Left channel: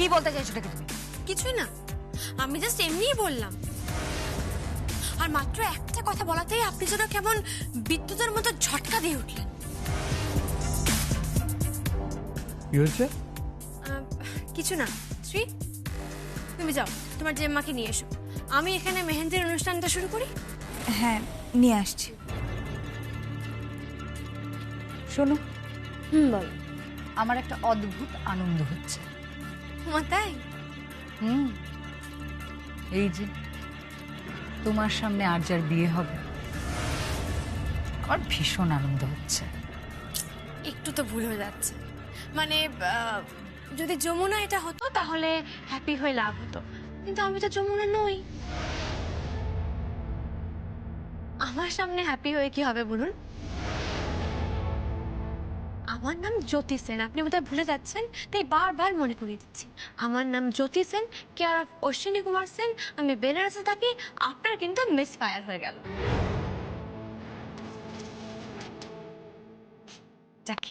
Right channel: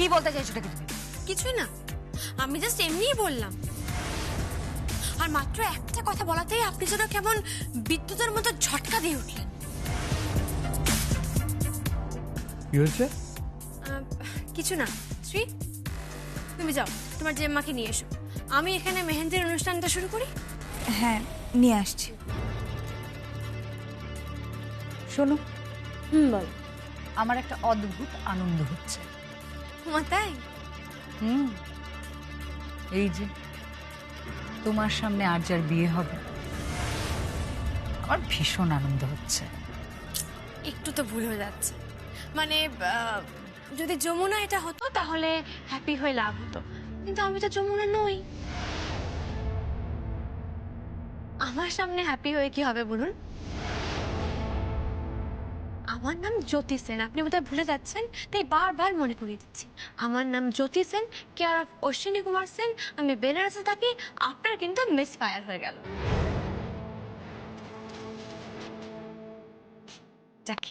কি বলতে চাইছো নাকি তুমি? কিছুই না, আমি জাস্ট এমনিই বললাম। আর মাত্র একটা কথা বলাতেই আপনি যেন কেমন বিদ্যুতের মতো ঝটকা দিয়ে উঠলেন। কি হয়েছে? কিছু না। শ্রী, তুমি যাও, তোমার জেম্মাকে নিয়ে এসো। আমি এখানে মেহেন্দির অনুষ্ঠানটা শুরু করি। হ্যাঁ, নিয়ে আসছি। শোনো, বল। আমার একটা অদ্ভুত আনন্দ হচ্ছে। মা তাই? এই যে তোমার সামনে আর যার বিয়ে হবে, আমার ভীষণ আনন্দ হচ্ছে। একটু তো ভুল হয়ে যাচ্ছে। মানে যদি যমুনা এটা হতো তাহলে হ্যাপি হয়ে লাভ হতো, কিন্তু আমি তো যমুনা নই। আমার সামনে হ্যাপি হয়ে কি হবে বলুন? আমার নাম জ্যোতি সেন, আপনি বোধহয় ভুলে যাচ্ছেন, তাই বারবার মনে করিয়ে দিচ্ছি। আমার নাম জ্যোতি সেন, কেয়ার অফ অশ্বিনী কুমার সেন। আমি বেনারসে থাকি। আপনার কিন্তু মিস ফায়ার হয়ে গেল। যাকে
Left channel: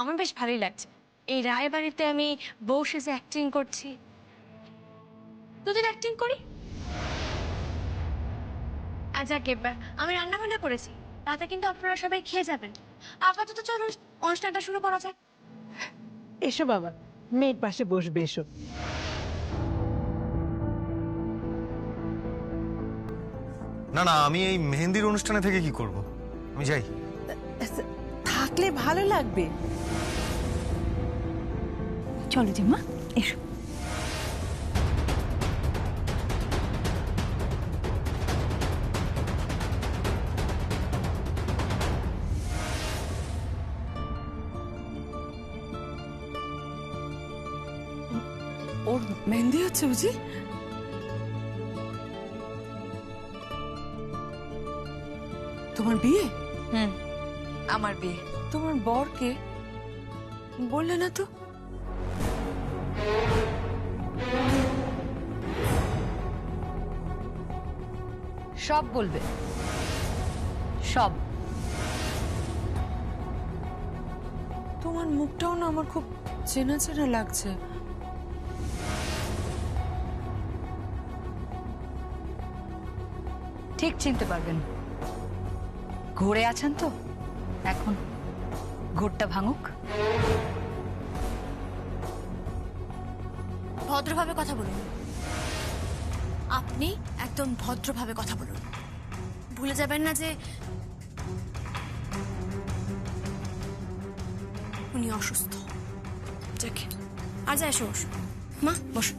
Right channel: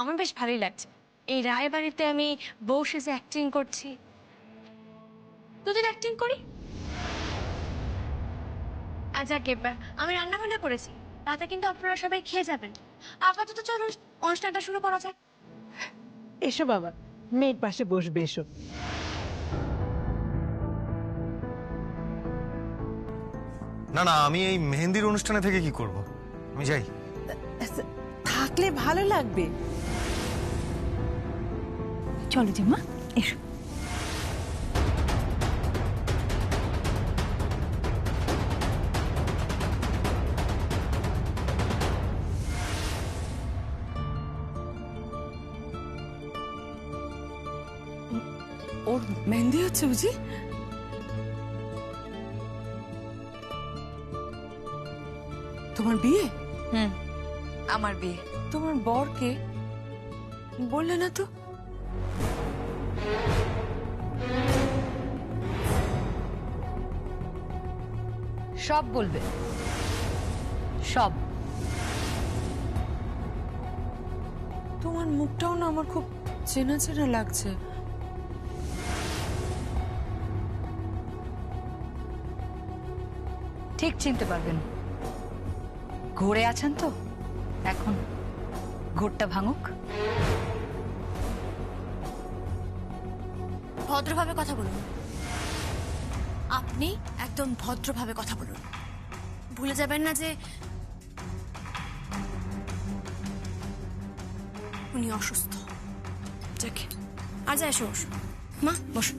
আমার বেশ ভালোই লাগছে, এই রায়বাড়িতে আমি বউ সেজে অ্যাক্টিং করছি। দুদিন অ্যাক্টিং করি। যাকে আমি রান্না বান্না করেছি, তাতে কিন্তু আপনারা সবাই খেয়ে যাবেন। আপাতত চলুন অনুষ্ঠানটা শুরু করা যাক। এসো বাবা, মেয়ের পাশে বসবে, এসো। না না, আমি এই মেহেন্দির অনুষ্ঠানে থেকে কি করব? আমি যাই। থাকলে ভালো লাগবে। চলো জিম্মা, এসো। ওর মেহেন্দি হচ্ছে বুঝি? তোমার বিয়ে? আমার বিয়ে। তোমার বর কে? বললে না তো। সব বলবে, সব। তোমার মুখটাও না আমার খুব চেনা চেনা লাগছে। ঠিক চিনতে পারবেন। ঘুরে আছেন তো, এখন ঘোরটা ভাঙুক। ভদ্রভাবে কথা বলুন। আপনি একদম ভদ্রভাবে কথা বলুন। ভুলে যাবেন না যে উনি অসুস্থ। যাকে আর যা, এসো বসো। মা বসো।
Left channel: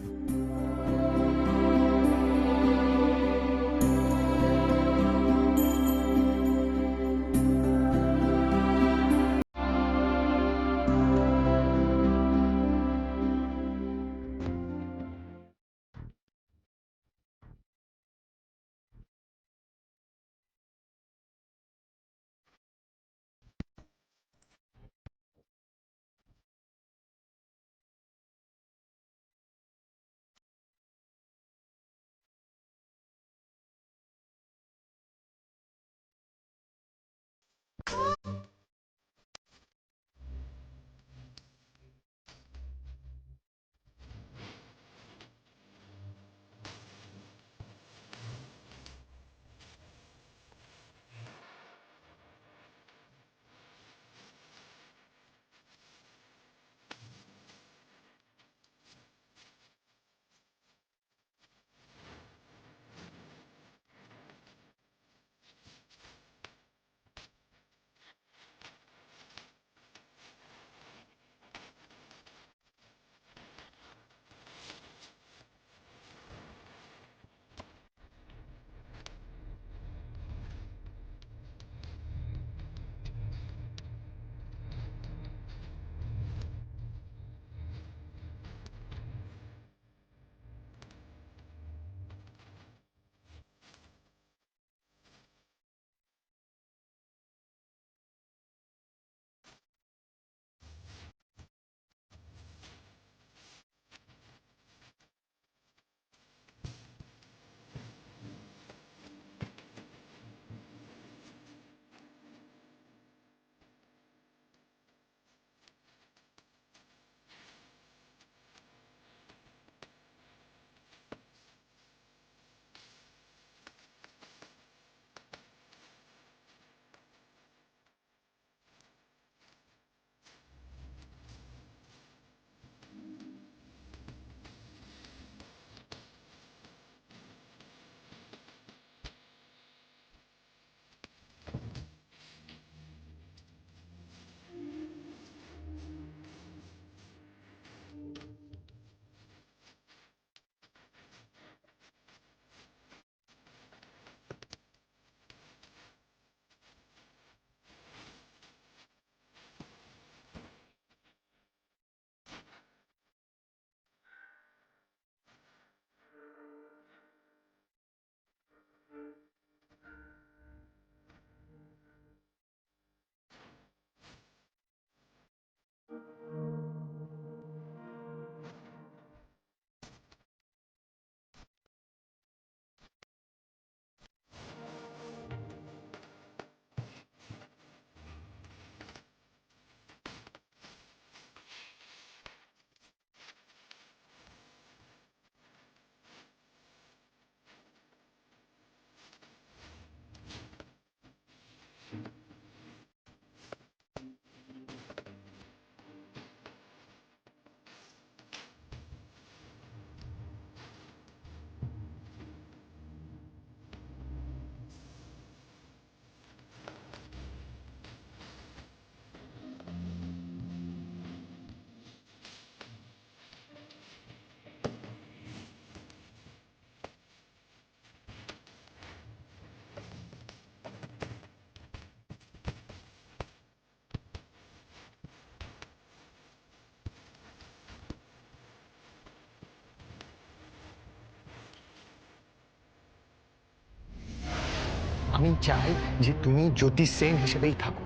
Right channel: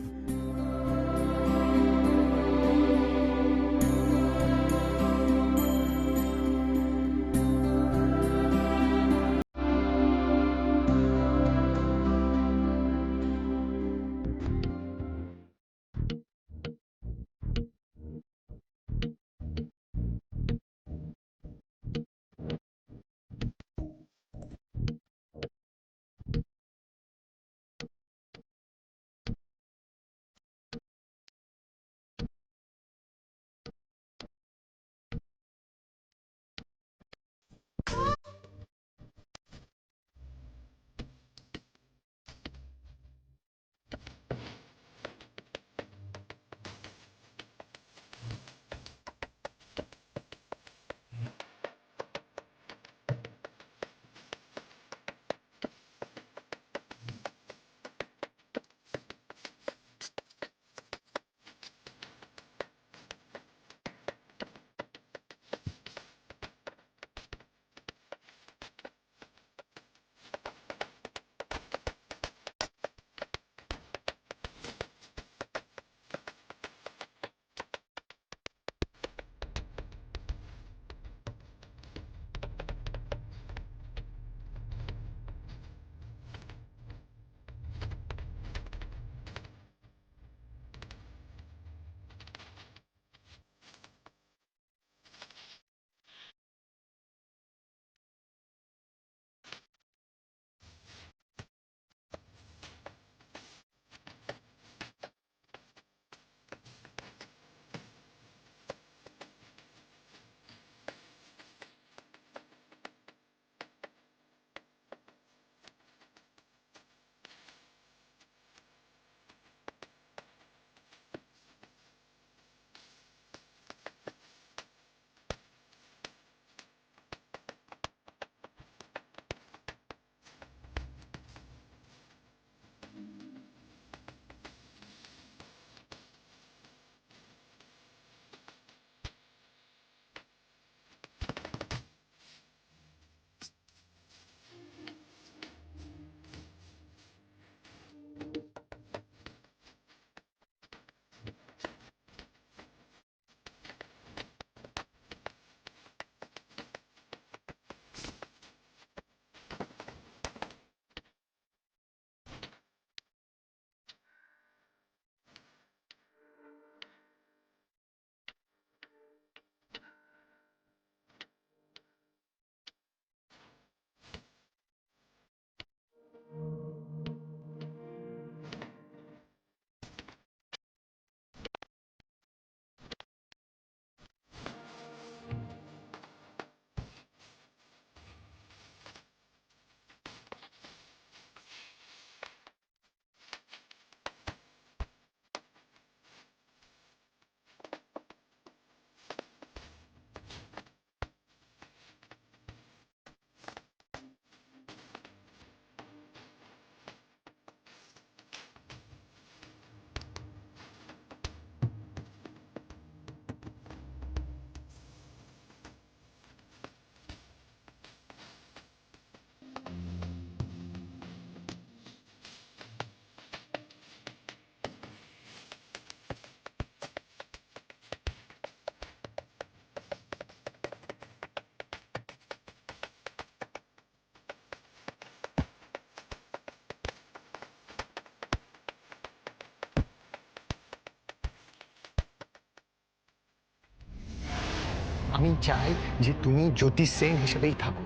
আমি চাই যে তুমি জ্যোতি সেন হিসেবেই থাকো।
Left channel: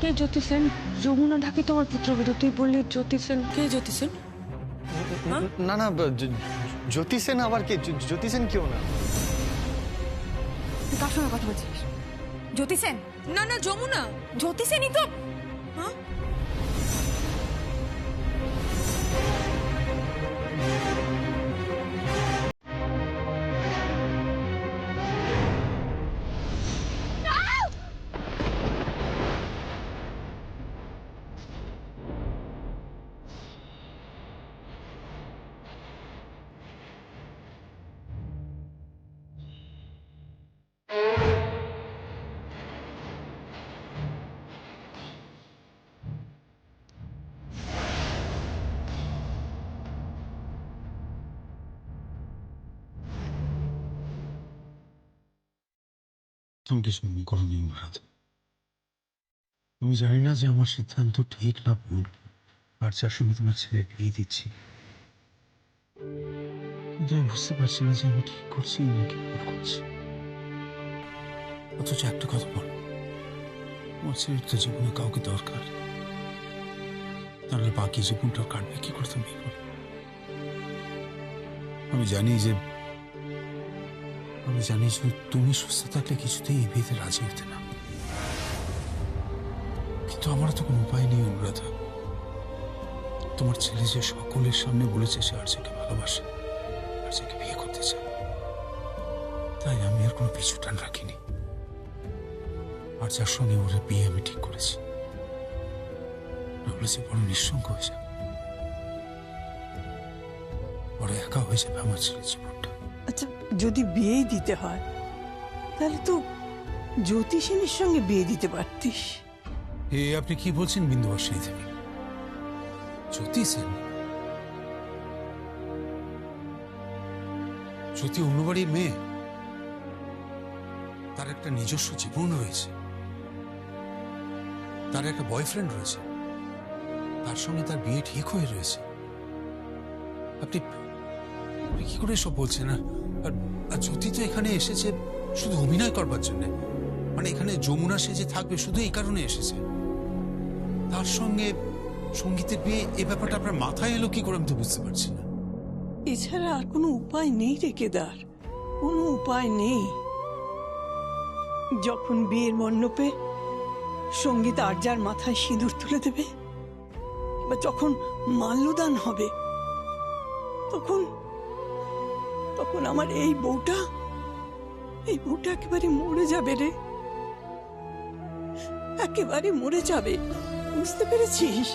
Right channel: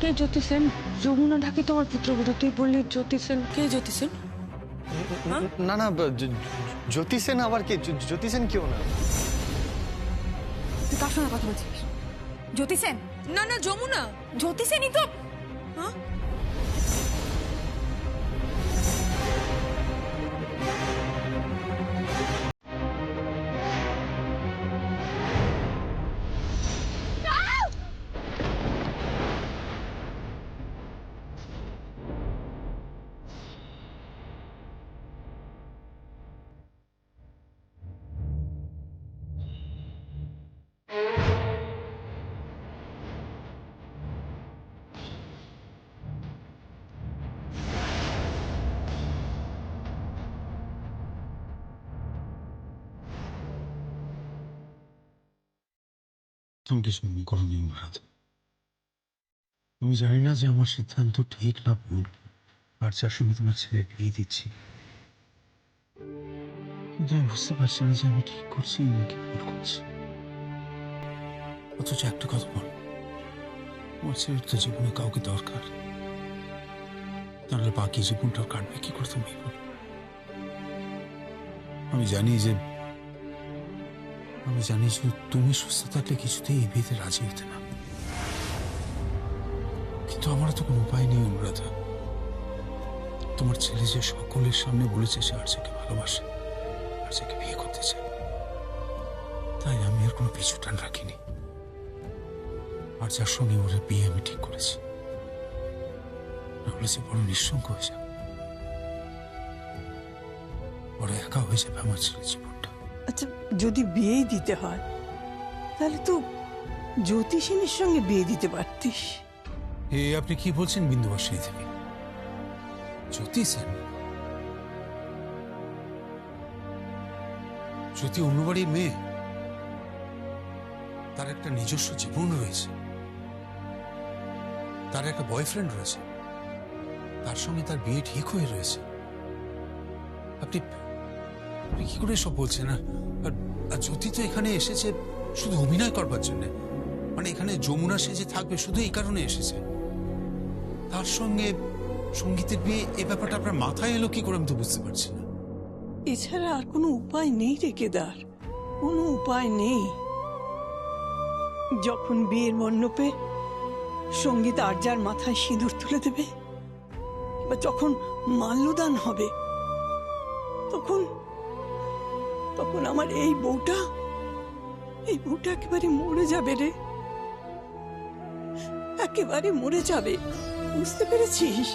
কে জ্যোতি সেন? যমুনা ঢাকি তোমার পুত্রবধূ, তুই বললি জ্যোতি সেন। কে জ্যোতি সেন? না না, জ্যোতি সেন আবার কে? জ্যোতি সেন কেউ না। তুই কার সঙ্গে কথা বলছিস? জ্যোতি সেন? না না, যমুনা। জ্যোতি সেনই তো। হ্যাঁ, তুমি কিছু মনে করোনি অনুরাধ। তুমি জানি না যে আমার সিদ্ধান্ত ঠিক না ভুল, আর যার সঙ্গে তোমার ছেলে বিয়ে দিচ্ছি, কিন্তু আমি বুঝতে পারছি না যে আমি ঠিক করছি নাকি ভুল করছি। অথচ একটা কথা বল, আমার ছেলের তো জীবনে কাউকে দরকার, তাহলে বাকি জীবনটা কাটবে কি করে তুমি বলো? আমি জানি যে তুমি সুস্থ থাকলে কিছুতেই এই বিয়েতে রাজি হতে না, কিন্তু আমার তো কোনো উপায় নেই অনুরাধা। তোমার ছেলে যে সকলের সামনে বলেছে সে আরজাকে ভালোবাসে, আরজাকে বিয়ে করতে চায়, তাই আমি আর কোনো পিছু টান রাখিনি। আরজার সঙ্গে ওর বিয়ে আমি ঠিক করেছি, নাহলে সে বড় নিঃসঙ্গ হয়ে যাবে, বড় একা হয়ে যাবে আমার ছেলের জীবনটা। আচ্ছা, যদি বিয়েই দিতে হয় তাহলে তো জ্যোতিষিনীর সঙ্গে বিয়ে দিতে পারতিস। আপনি কি বলছেন বিন্দুবাসিনী দেবী? জ্যোতি সেন? জ্যোতি অন্য বাড়ির মেয়ে, তার একটা নিজস্ব জীবন রয়েছে, তার একটা বয়ফ্রেন্ড রয়েছে, তার সঙ্গে তার বিয়ে ঠিক হয়ে রয়েছে। আপনি কি করে সব বলছেন? আর জ্যোতি তো এখানে এসেছে শুধু অভিনয় করবার জন্য, মানে এখানে যমুনা সেজে থাকবে শুধু এই কারণে এসেছে। তার সঙ্গে সঙ্গীতের বিয়ে, এ ব্যাপারটা আপনার মাথায় এলো কি করে আমি তো বুঝতে পারছি না। এছাড়া আর কোনো উপায় নেই রে কেদার, কোনো উপায় নেই। যখন বিয়ের মণ্ডপে সঙ্গীত আরজার মাথায় সিঁদুর তুলে দেবে, বা যখন মাল্যদান হবে, তখন তখন আমার এই বউটা একেবারে মরে যাবে রে, একেবারে মরে যাবে। বুঝতে পেরেছিস?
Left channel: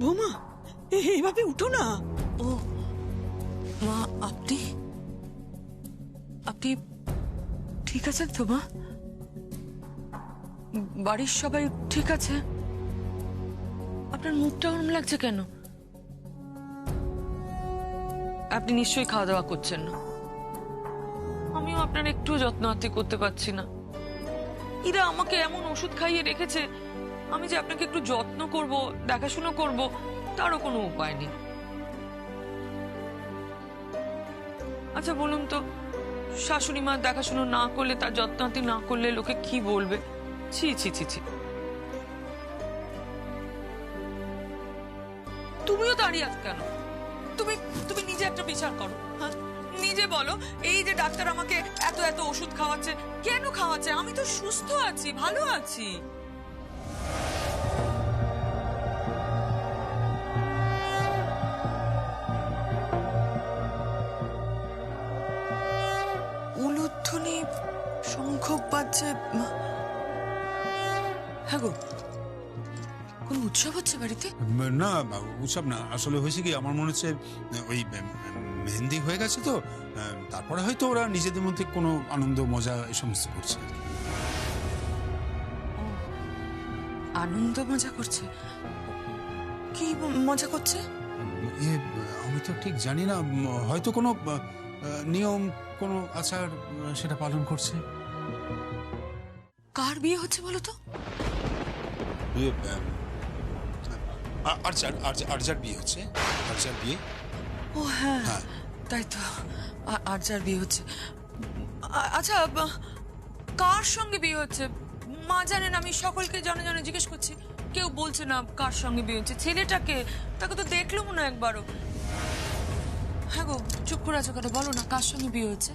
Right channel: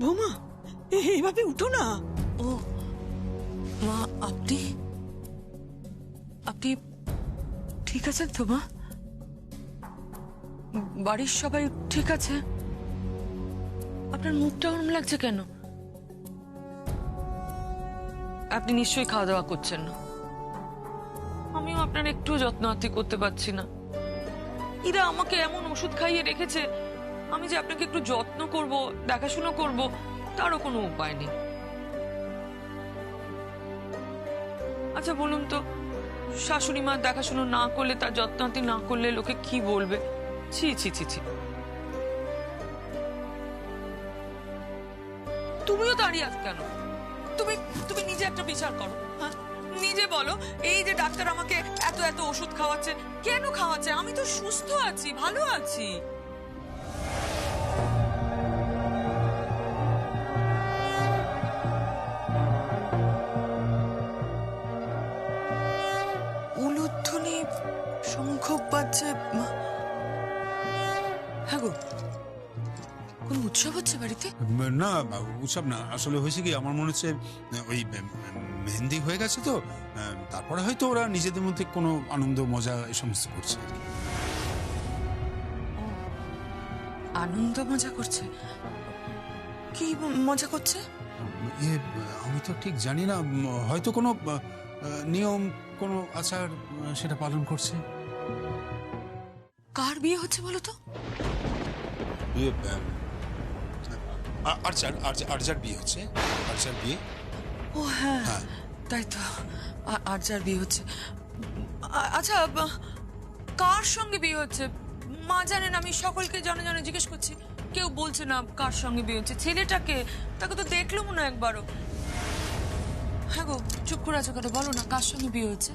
বৌমা, এইভাবে উঠো না। ও মা, আপনি আপনি ঠিক আছেন তো মা? বাড়ির সবাই ঠিক আছে? আপনার মুখটা ওরম লাগছে কেন? আপনি নিশ্চয়ই খাওয়া দাওয়া করছেন না। আমিও আপনার একটু যত্ন আত্তি করতে পারছি না। এরা আমাকে এমন ওষুধ খাইয়ে রেখেছে, আমি যে আপনাকে একটু যত্ন করব, দেখাশোনা করব, তারও কোনো উপায় নেই। আচ্ছা বলুন তো, শাশুড়ি মা দেখাশোনা না করলে, তার যত্ন আত্তি না করলে লোকে কি বলবে? ছি ছি ছি ছি। তুমিও দাঁড়িয়ে আছো কেন? তুমি নিজে একটা বিচার করো। হ্যাঁ, নিজে বলো, এই যে ডাক্তার আমাকে এত এত ওষুধ খাওয়াচ্ছে, কেন খাওয়াচ্ছে? আমি তো সুস্থ আছি, ভালো আছি। উলুধ্বনি, শঙ্খ বাজছে। হ্যাঁ গো, কোন উৎসব হচ্ছে বাড়িতে? না উৎসব না, আসলে হয়েছে কি, আমার মনে হচ্ছে ওই মেহেন্দি হয়ে গেছে তো, তারপরে হয়তো ওরা নিজেদের মধ্যে কোনো আনন্দ মজা এই সমস্ত করছে আর কি। আনন্দ মজা করছে? কি মজা করছে? আমি তো ঠিক জানি না, হয়তো কোনো নিয়ম, কোনো আচার সেটা পালন করছে। কার বিয়ে হচ্ছে বলো তো? আরজার বিয়ে হচ্ছে। আরজার বিয়ে। ও হ্যাঁ, হ্যাঁ। তাই তো, আরজার বিয়ে হচ্ছে। আচ্ছা, কার সঙ্গে বিয়ে হচ্ছে? মা জানেন, আমি সকলকে জনে জনে জিজ্ঞেস করছি, কেউ বলছে না কার সঙ্গে বিয়ে হচ্ছে। ছেলেটাকে, তাকে তো দেখলাম না একবারও। হ্যাঁ গো, চুপ করে আছো কেন? বলো না কার সঙ্গে বিয়ে হচ্ছে,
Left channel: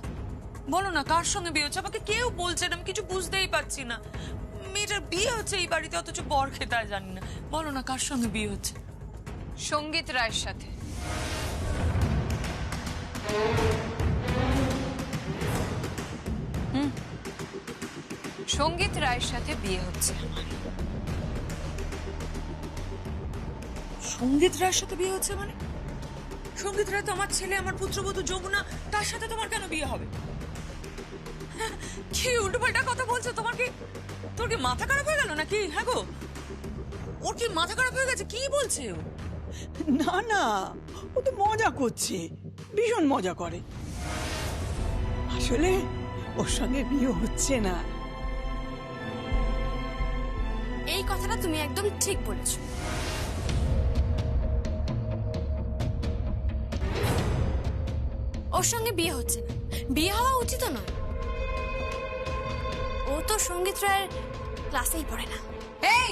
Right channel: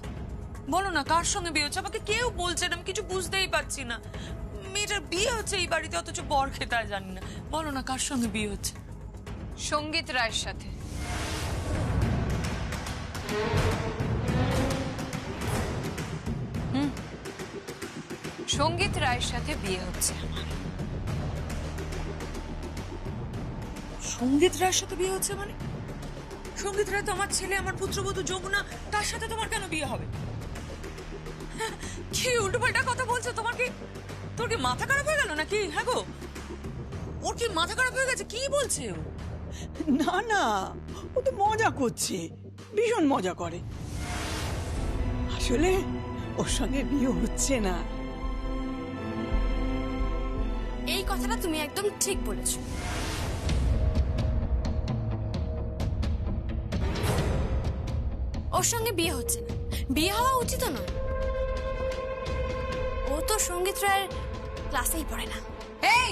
বলো না কার সঙ্গে বিয়ে হচ্ছে। আমাকে কেউ বলছে না, আমি কিছু বুঝতেই পারছি না। মেয়েটার বিয়ে হচ্ছে এই বাড়িতে, অথচ বর খেতে জানি না। বলো না কার সঙ্গে বিয়ে হচ্ছে। সঙ্গীত রায়ের সাথে। সঙ্গীত রায়ের সাথে বিয়ে হচ্ছে আমার। সঙ্গীত রায়ের সাথে বিয়ে হচ্ছে মানে? সঙ্গীত রায় তো আমার ছেলে, আমার পুত্রবধূ যমুনা, তার সাথে তোমার কেন বিয়ে হবে? কি উল্টোপাল্টা কথা বলছো? তোর কি মাথা খারাপ হয়ে গেল নাকি? হ্যাঁ গো, ওর কি মাথা খারাপ হয়ে গেছে? কি বলছে ও? না না, ও তো মজা করছে, ভীষণ মজা করে। আসলে ওর সঙ্গে বিয়ে হচ্ছে না। এই কথাটা তুমি একদম ঠিক বলেছো। ওর সঙ্গে বিয়ে হচ্ছে না, বিয়ে হওয়া উচিত নয়। ও তো সঙ্গীত রায়ের ক্লাসেই পড়ে না। এই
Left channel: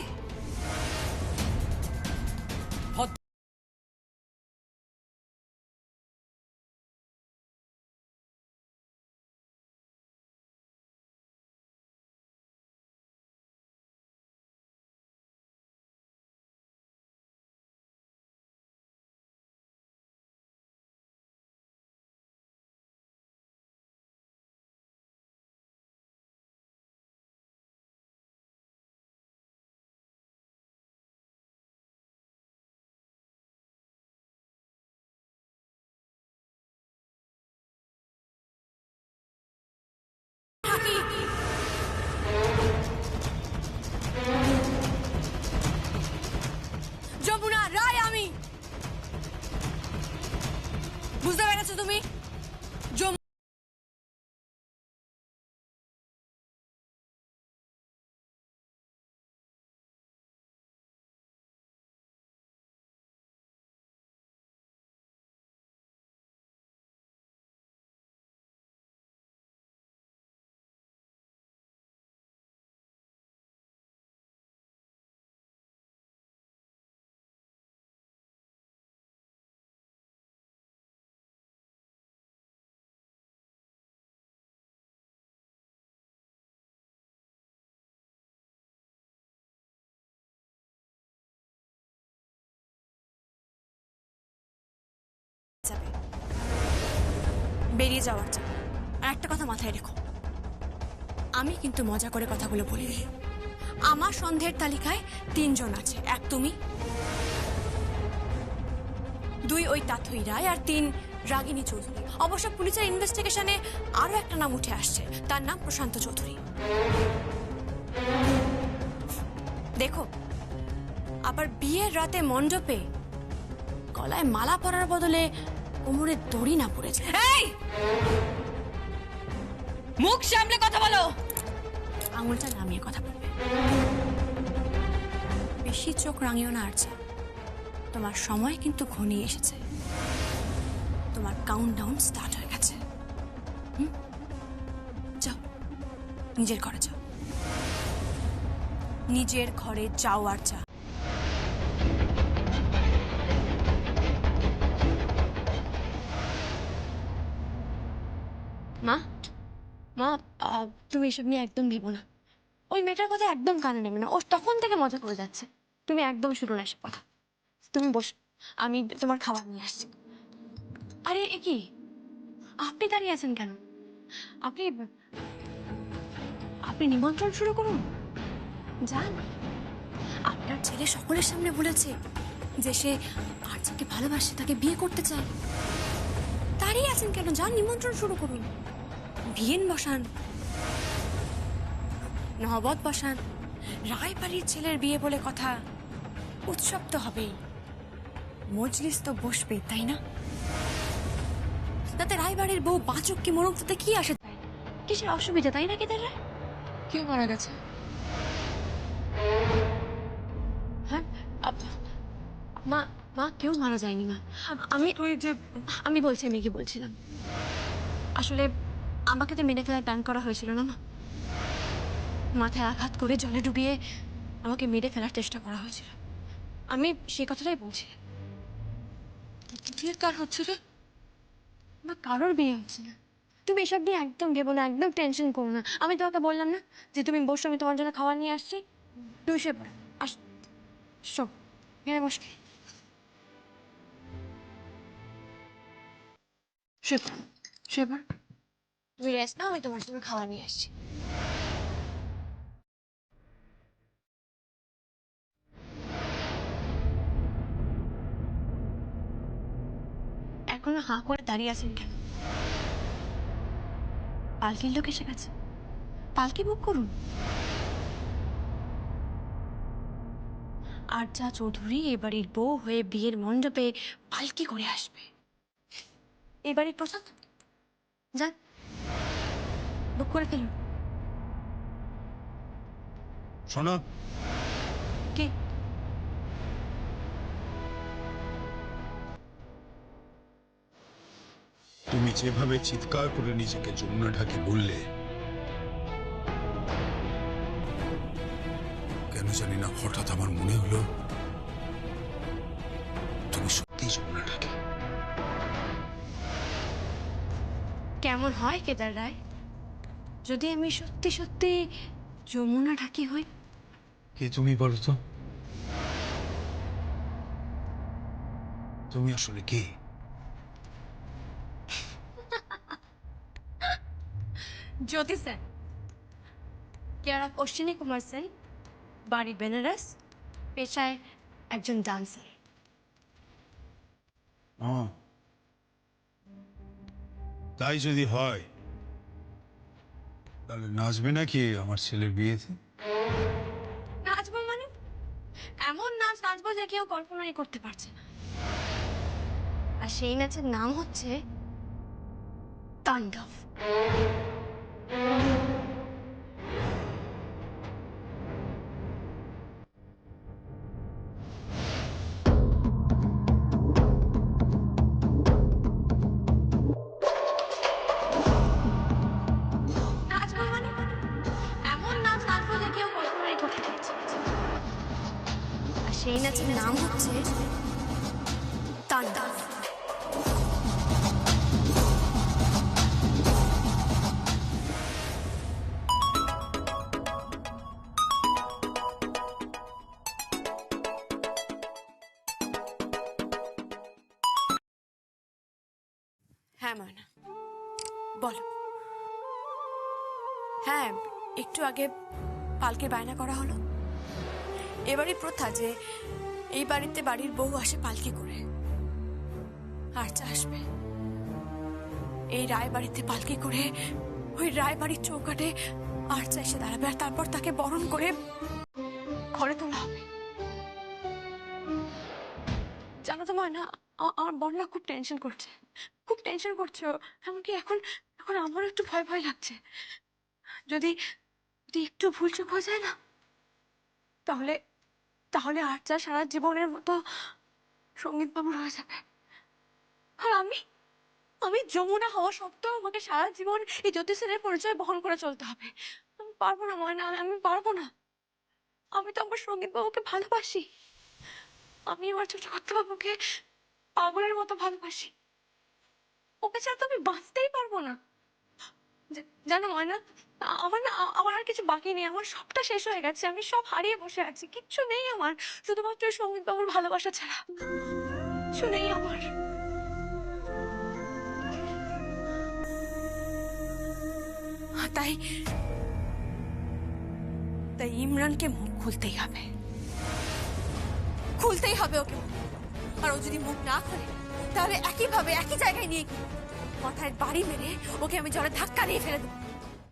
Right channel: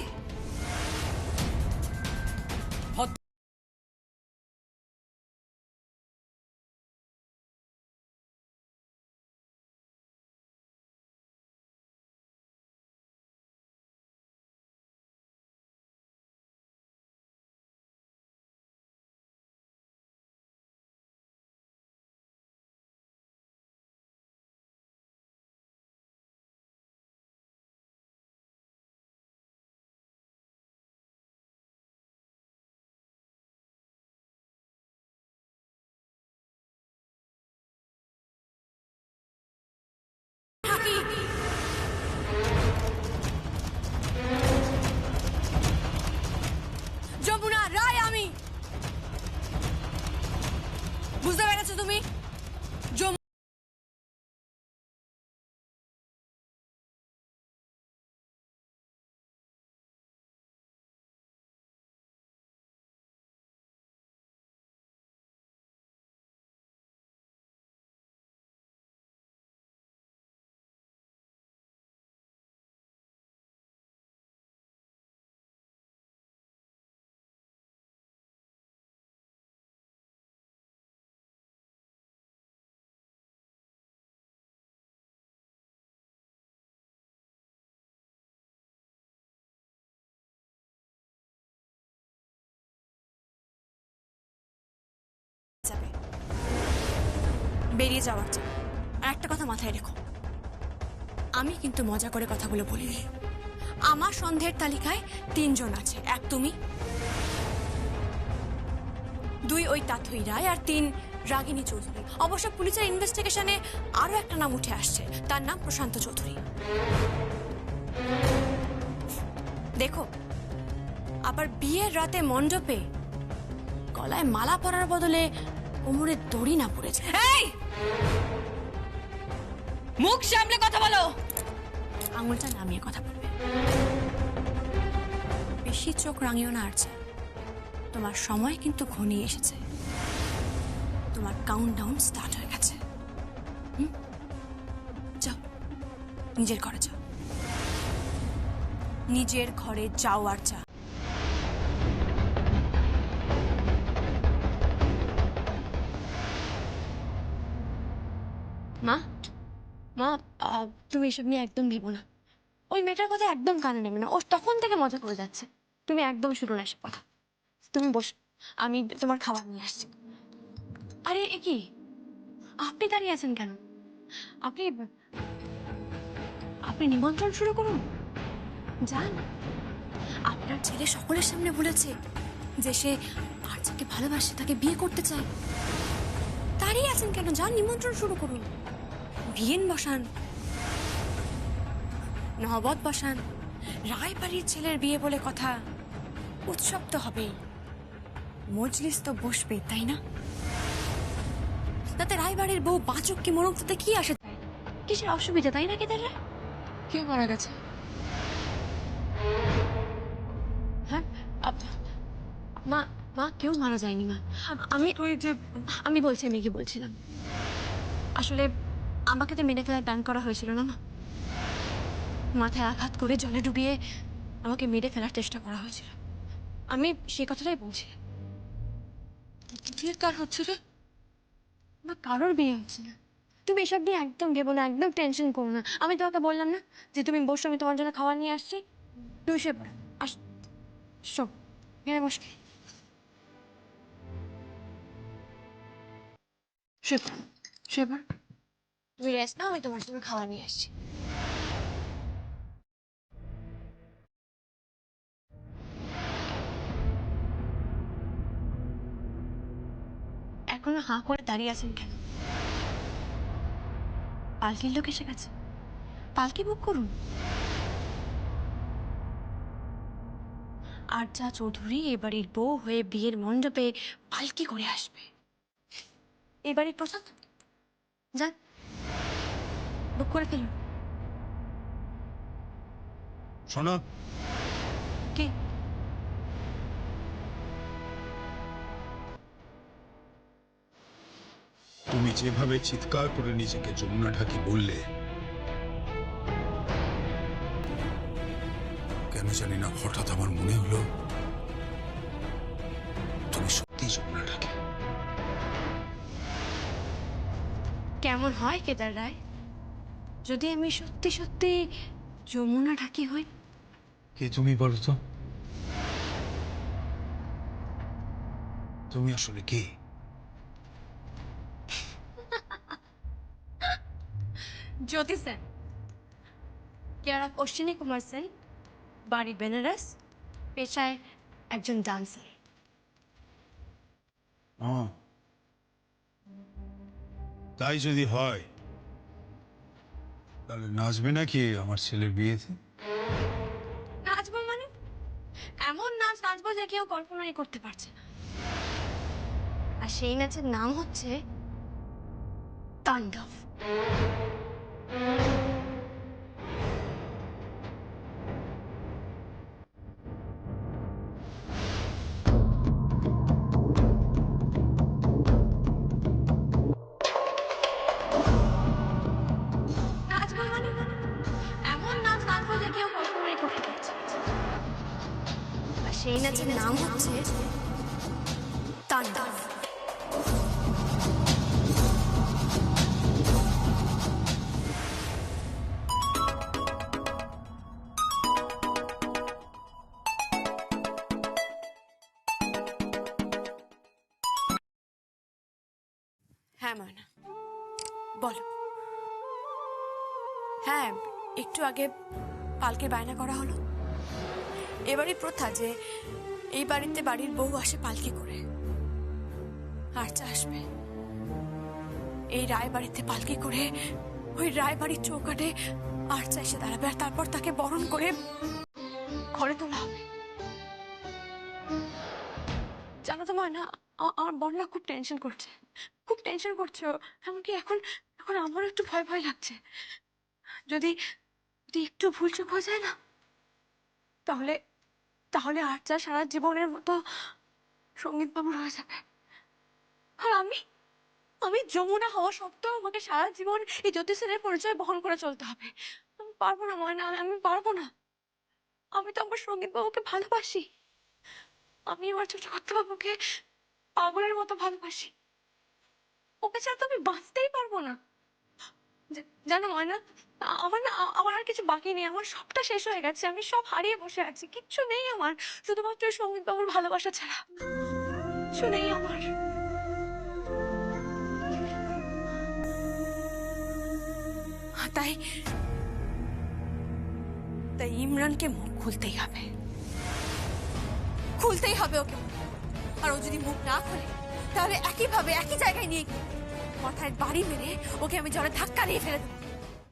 যমুনা রায় আমি। বুঝতে পেরেছো তুমি? যাবে বেরিয়ে যাওয়ার চাই। আর একটা কথা মাথায় রেখো, আমি কিন্তু মজা করে কথাগুলো বলিনি। আমার সন্দেহের তালিকায় 3 জন আছে। 1 তুমি, 2 ওই তাথই রায়, আর 3 রাগিনী চৌধুরী। অবশ্য পুলিশের ইনভেস্টিগেশনে আরো একটা নাম উঠে আসছে, তার নাম প্রশান্ত চৌধুরী। দেখো, আবার বিয়ের রাতে মণ্ডপে গলায় মালা পরার বদলে কোমরে দড়ি না পড়েছে। এই মুখ সামলে কথা বলো। আঙুলটা নামিয়ে কথা বলবে। বেশি চোখ রাঙিও না আরচা, তোমার সময় কিন্তু ঘনিয়ে এসেছে। তোমার কাউন্টডাউন স্টার্ট হয়ে গেছে। যাও, নিজের ঘরে যাও, নিজের ঘরে যাও আরচা। মা, মা, তুমি এসব নিয়ে একদম ভেবো না। ওই মেয়েটার কথা একদম কানে নেবে না। ও তখন থেকে মজা করে যাচ্ছে। তুমি একদম শুরু না এসব কথা। তুমি বসো, আমি তোমার খাবার নিয়ে আসছি। আরে এ কি, আপনি দাঁড়িয়ে আছেন কেন? আপনি আপনি নিমন্ত্রণ শুরু করুন, যান। আপনার ছেলে সকলের সামনে বলেছে যে সে আরজাকে ভালোবাসে, তাকে বিয়ে করতে চায়। দাঁড়িয়ে আছেন কেন? যান, নিমন্ত্রণ শুরু করুন। বিয়েন বসান, নহবত বসান। রায়বাড়ির ছেলের বিয়ে বলে কথা, উৎসব তো হবেই, মজলিস তো বসবেই, তাই না? তাতে রায়বাড়ির বউ বাঁচুক কি মরুক তাতে কি আসে? কিসের অসুবিধা, তাই না? কেদার রায় কে মারা গেছে? হ্যাঁ মা মা কেউ মারা যায়নি মা। আমি বলছি আমি কি বলছিলাম। আসলে আমাকে তো মেরে ফেলার প্ল্যান করা হয়েছিল না মা। মাথায় আঘাত করে জলে ডুবিয়ে আমাকে মেরে ফেলার চেষ্টা করা হয়েছিল। আমি সেই কথাটাই বলছি। বিয়ের কার হচ্ছে রে? মা কারোর বিয়ে হচ্ছে না। তুমি এসব নিয়ে একদম ভেবো না, একদম টেনশন করো না। আমি তোমাকে বললাম না যে তুমি বসো, আমি তোমার জন্য খাবার নিয়ে আসছি। তুই সে সব এখানে বস। সেবার তুমি রেস্ট নাও, আমি তোমার জন্য খাবার নিয়ে আসছি। এখনো হাঁ করে দাঁড়িয়ে আছেন কেন? পালকির লোক এসে গেছে, পালকি বুক করুন। আরজা চৌধুরী এবাড়ির বউ হয়ে বিয়ের মণ্ডপে পালকি করে আসবে। এবাড়ির প্রসাদ যান বুক করে ফেলুন। শোনো, কি? তুমি যেভাবে চিৎকার করে নিজেকে যমুনা ঢাকি বললে, কেন জানি না হঠাৎ আমার মনে হলো তুমি সত্যি যমুনা ঢাকি। কেমন হয় কেদার রায় যদি আমি সত্যি সত্যি যমুনা ঢাকি হই? কে তুমি বলো তো? তুমি আসলে কে? জ্যোতি সেন, কেয়ারা অশ্বিনী কুমার সেন, বাড়ি বেনারস, পেশায় একজন ডান্সার। তাই যদি হয় তাহলে নাচবে নাকি আমার ছেলের বিয়েতে? নাচবো মানে? এমন নাচ নাচবো যে কেউ কল্পনাই করতে পারছে না। আর সেই নাচের নাম হচ্ছে তাণ্ডব। নাচবো মানে এমন নাচ নাচবো যে কেউ কল্পনাই করতে পারছে না। আর সেই নাচের নাম হচ্ছে তাণ্ডব। হ্যাঁ ময়না বলো। হ্যাঁ একটু আগে পালকির বায়না করা হলো। এবারই প্রথা যে এই বাড়িতে বাড়ির বউ আসে পালকি করে। আরচা আসবে এই রায় বাড়িতে পালকি করে, ওই রায় বাড়ির চৌকাঠে আরচা এসে দাঁড়াবে, আর তারপর তাকে বরণ করে ঘরে তোলা হবে। জানো তো ময়না, আমার বড়রা খুব টেনশন করছে, খুব টেনশন করছে। এমনকি এখন এখন আমারও একটু ভয় ভয় লাগছে। যদি যদি একটু ভুল চোখ হয়ে যায় না, তাহলে তাহলে আরচা সারা জীবনের মতো সঙ্গীত বাবুর হয়ে যাবে। আর আমি আমি যমুনা হওয়া সত্ত্বেও আমাকে সারা জীবন এই জ্যোতি সেনের পরিচয় বহন করে চলতে হবে। আমি পারবো না ময়না, আমি পারবো না। আমি তো আমার সঙ্গীত বাবুকে ভালোবাসি। আমি আমার ছোট বাবুকে পাগলের মতো ভালোবাসি। ওকে ছাড়া তো আমি বাঁচতেই পারবো না। জানো ময়না, আমার আর কিছু বাকি নেই। আমার সবটা শেষ হয়ে গেছে, আমি সব হারিয়ে বসে আছি। কিচ্ছু নেই আমার, শুধুমাত্র সঙ্গীত বাবুর ভালোবাসা ছাড়া কিছু নেই আমার। তাই তাই ইমরানকে মুখ খুলতেই হবে, খুলতেই হবে ওকে। আর ও যদি মুখ না খোলে তাহলে একইভাবে একই জায়গায় নিয়ে গিয়ে মাথায় বাড়ি মেরে ওকে আমি জলে ধাক্কা দিয়ে ফেলে দেবো।